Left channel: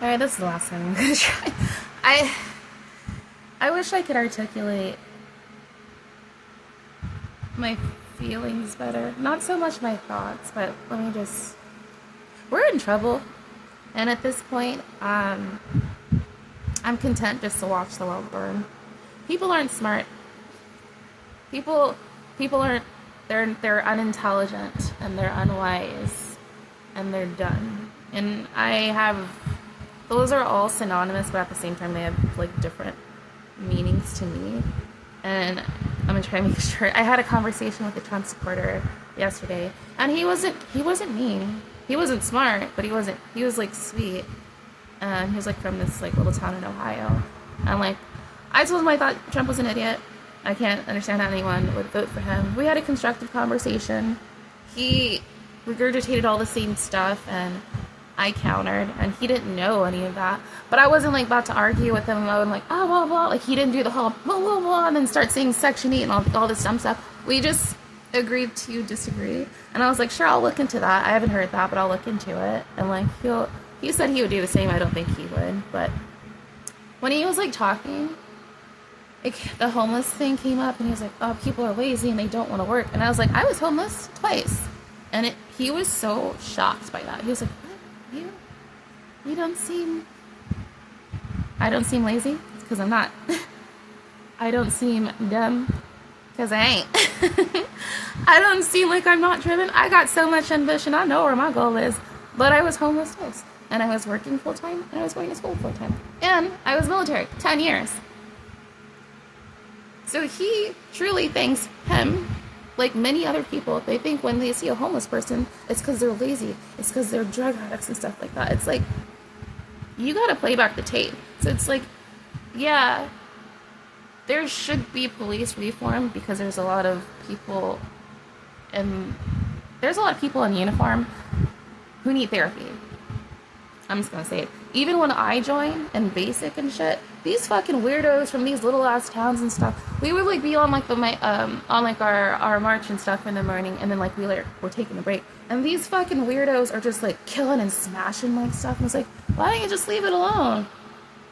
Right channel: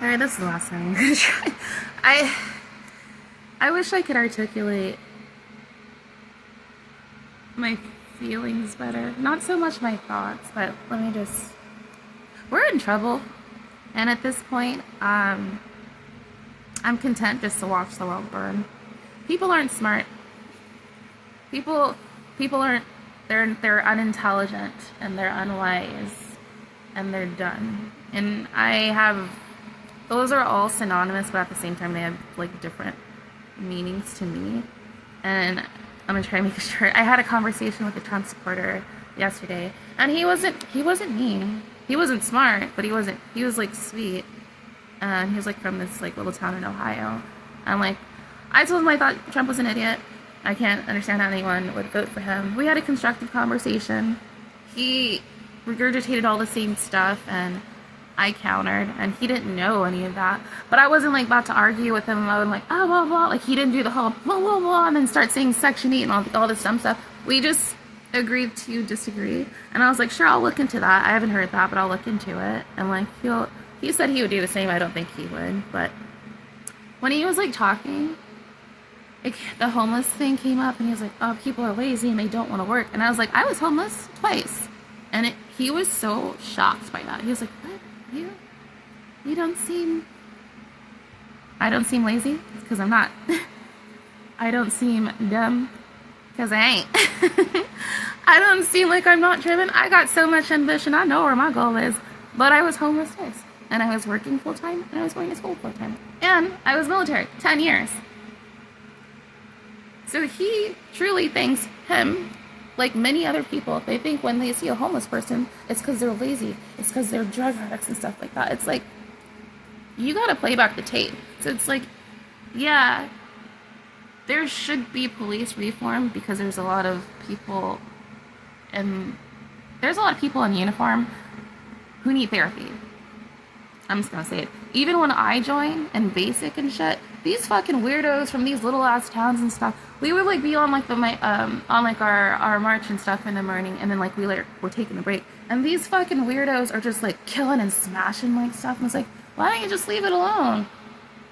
Alright, this is the last thing I'm gonna try. I wish I could articulate my feelings better. Not so much my thoughts, but we're in trouble. And at this point, I'm content just to watch the world burn. People aren't smart. People aren't, they're unintelligent, and they're unwise, and they're dumb. And those are all synonymous, but at the same time they have like different meanings to me. And I'm gonna try to make sure. I had a conversation with a Trump supporter yesterday, and he wasn't mean. He wasn't smart, but he was like sweet. And he was like from this like little town in Ohio. And like, I told him I thought Trump was an idiot. I can't understand how anyone would vote for him. We had a constructive conversation. He regurgitated all the same stuff, and I countered, and he didn't know any of that. But I wasn't like about to argue with him. I was like, oh, blah, blah. Like, he didn't do the whole blah, blah, blah, and then start saying Section 8 and all this dumb stuff. We just agreed to disagree. And I was like, sure, I'll look into that. I haven't heard that, but I'll look into it. And like, he said he would do the same. I don't think he would. But when he was like talking, like, the homeless thing came up, and he was like, oh, people are lazy and they don't want to work. And I was like, I was homeless twice. And he was so shocked by that. He was like, what? You don't seem... I don't seem lazy? Because I'm not. I don't seem dumb? Because I ain't. I don't seem like I'm not driven. I got so much ambition. I know where my goal is. But I was homeless twice. And I was working full-time, and I was going to school full-time. And I was military, 10 years. So he truly thinks him, like many other people, they think when they see a homeless person, it's because they're lazy. It's because they're drug addicts and stuff like that. It's like, you gotta play back the tape. So it's like, yeah, there should be police reform because there's a lot of people in uniform who need therapy. I'm just gonna say it. Even when I joined in basic and shit, these fucking weirdos from these little ass towns and stuff, we would like be on like our march and stuff in the morning, and then like we're taking a break, and these fucking weirdos are just like killing and smashing like stuff, and it's like, why don't you just leave it alone?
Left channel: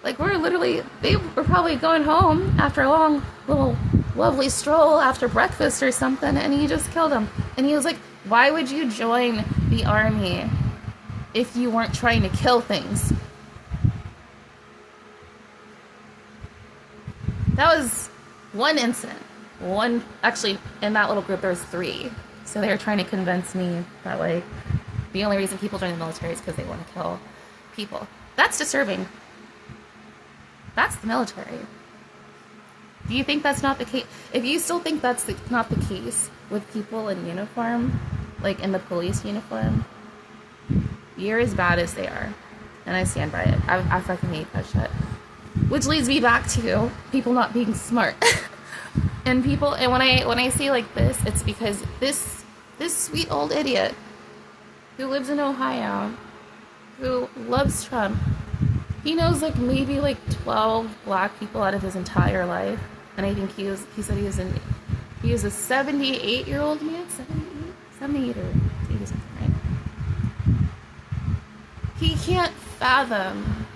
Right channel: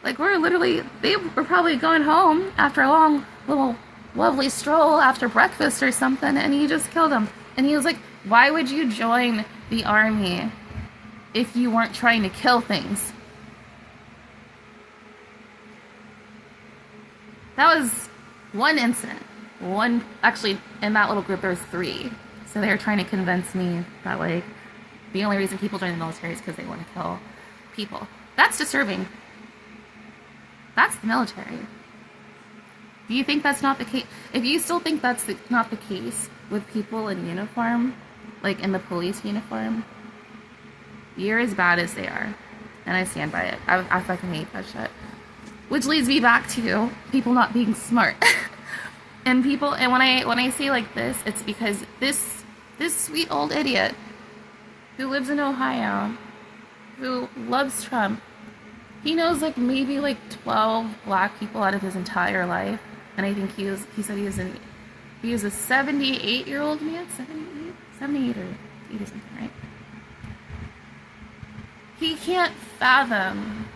Like, they were probably going home after a long little lovely stroll after breakfast or something, and he just killed them. And he was like, why would you join the army if you weren't trying to kill things? That was one incident. Actually, in that little group, there was 3. So they were trying to convince me that, like, the only reason people join the military is because they want to kill people. That's disturbing. That's the military. Do you think that's not the case? If you still think that's not the case with people in uniform, like in the police uniform, you're as bad as they are. And I stand by it. I fucking hate that shit. Which leads me back to people not being smart. And when I say like this, it's because this sweet old idiot who lives in Ohio, who loves Trump, he knows like maybe like 12 black people out of his entire life. And I think he said he was a 78-year-old man, 78 or 80 something, right? He can't fathom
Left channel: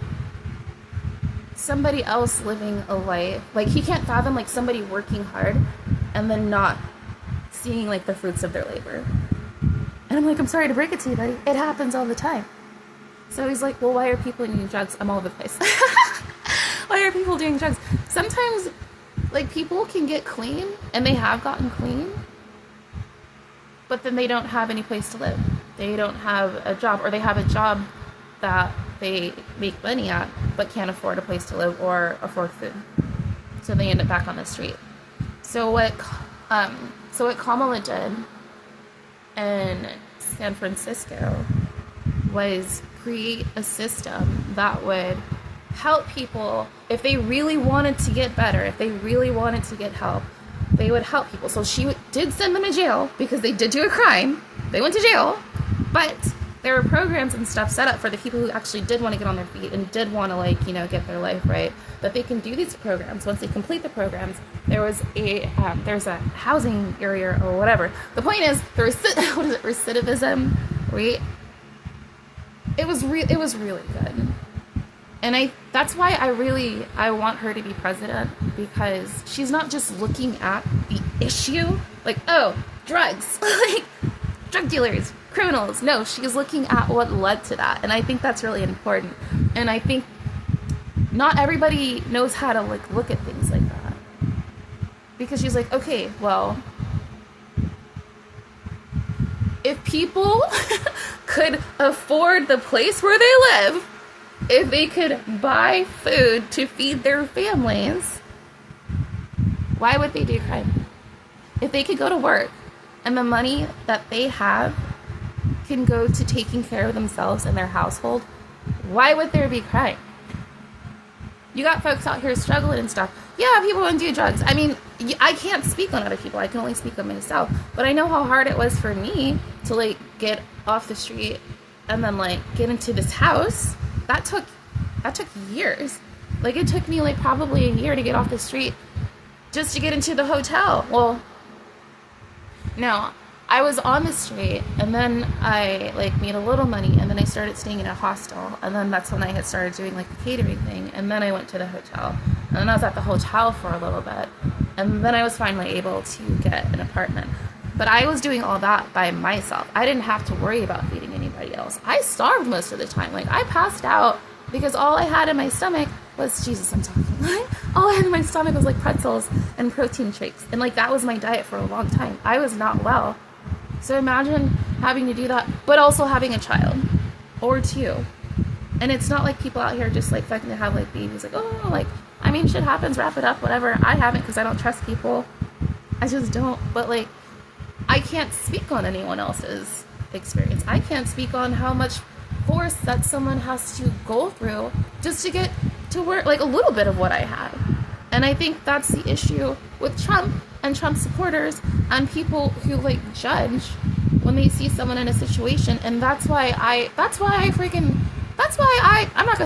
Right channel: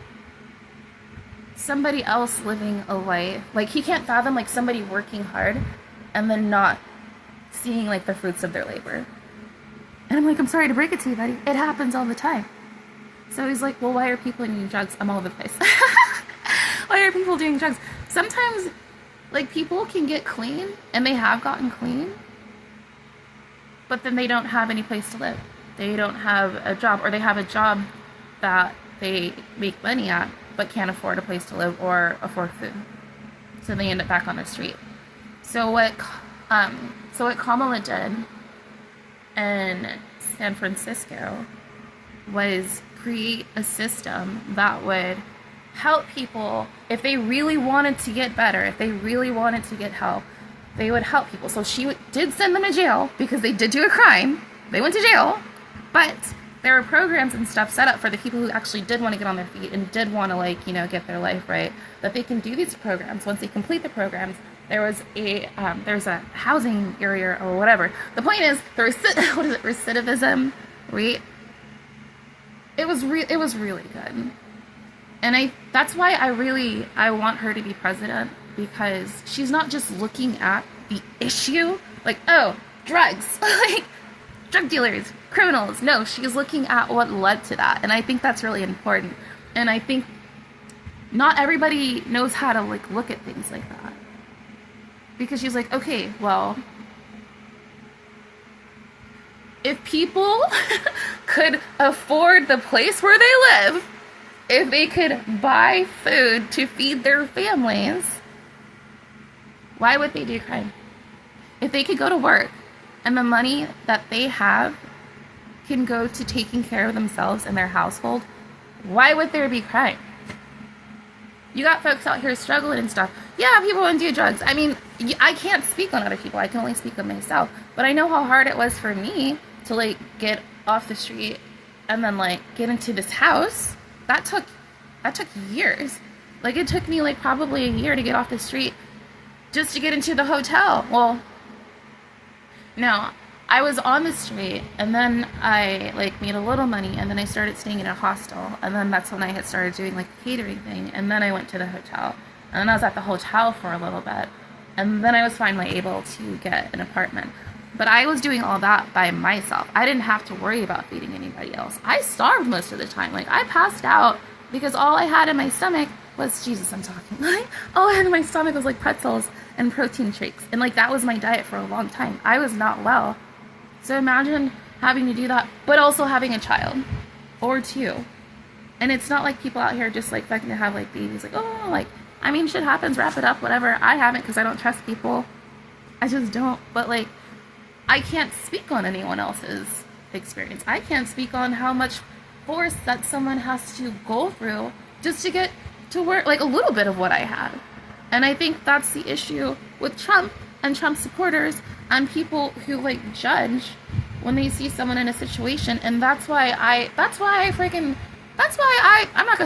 somebody else living a life, like he can't fathom like somebody working hard and then not seeing like the fruits of their labor. And I'm like, I'm sorry to break it to you, buddy, it happens all the time. So he's like, well, why are people doing drugs? I'm all over the place. Why are people doing drugs? Sometimes like people can get clean, and they have gotten clean, but then they don't have any place to live. They don't have a job, or they have a job that they make money at, but can't afford a place to live or afford food. So they end up back on the street. So what Kamala did in San Francisco was create a system that would help people if they really wanted to get better, if they really wanted to get help, they would help people. So she did send them to jail because they did do a crime. They went to jail, but there were programs and stuff set up for the people who actually did want to get on their feet and did want to, like, you know, get their life right, that they can do these programs. Once they complete the programs, there's a housing area or whatever. The point is, recidivism rate, it was really good. And that's why I want her to be president, because she's not just looking at the issue, like, oh, drugs, like, drug dealers, criminals. No, she's looking at what led to that. And I think that's really important. And I think not everybody knows how to, like, look at things like that. Because she's like, okay, well, if people could afford the place where they live, if they could buy food to feed their families, why would they do crime? If they could go to work and the money that they have can go to taking care of themselves and their household, why would there be crime? You got folks out here struggling and stuff. Yeah, people want to do drugs. I mean, I can't speak on other people. I can only speak on myself. But I know how hard it was for me to, like, get off the street and then, like, get into this house. That took years. Like, it took me, like, probably a year to get off the street just to get into the hotel. Well, no, I was on the street, and then I, like, made a little money, and then I started staying in a hostel, and then that's when I had started doing, like, the catering thing, and then I went to the hotel, and then I was at the hotel for a little bit, and then I was finally able to get an apartment. But I was doing all that by myself. I didn't have to worry about feeding anybody else. I starved most of the time. Like, I passed out because all I had in my stomach was, Jesus, I'm talking, right? All I had in my stomach was, like, pretzels and protein shakes, and, like, that was my diet for a long time. I was not well. So imagine having to do that, but also having a child or two. And it's not like people out here just, like, fucking to have, like, babies. Like, oh, like, I mean, shit happens, wrap it up, whatever. I haven't, because I don't trust people. I just don't. But, like, I can't speak on anyone else's experience. I can't speak on how much force that someone has to go through just to get to where, like, a little bit of what I had. And I think that's the issue with Trump and Trump supporters and people who, like, judge when they see someone in a situation. And I'm not gonna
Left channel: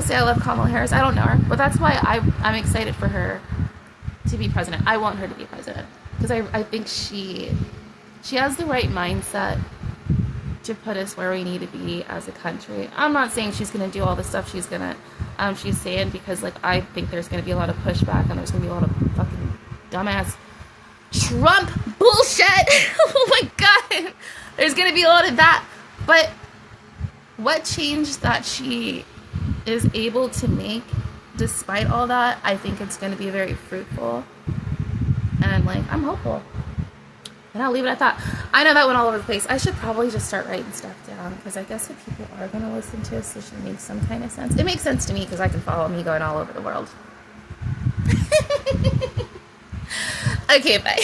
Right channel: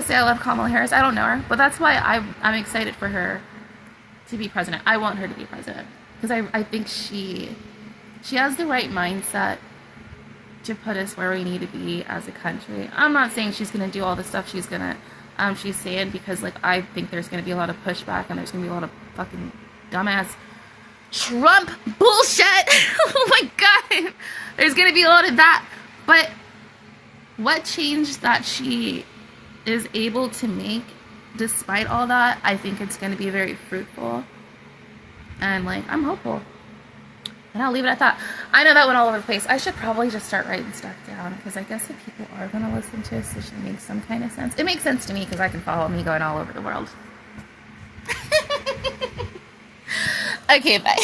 say I love Kamala Harris, I don't know her, but that's why I'm excited for her to be president. I want her to be president, because I think she has the right mindset to put us where we need to be as a country. I'm not saying she's gonna do all the stuff she's saying, because, like, I think there's gonna be a lot of pushback, and there's gonna be a lot of fucking dumbass Trump bullshit. Oh my god, there's gonna be a lot of that. But what change that she is able to make despite all that, I think it's gonna be very fruitful, and, like, I'm hopeful. And I'll leave it at that. I know that went all over the place. I should probably just start writing stuff down, because I guess if people are going to listen to this, it should make some kind of sense. It makes sense to me, because I can follow me going all over the world. Okay, bye.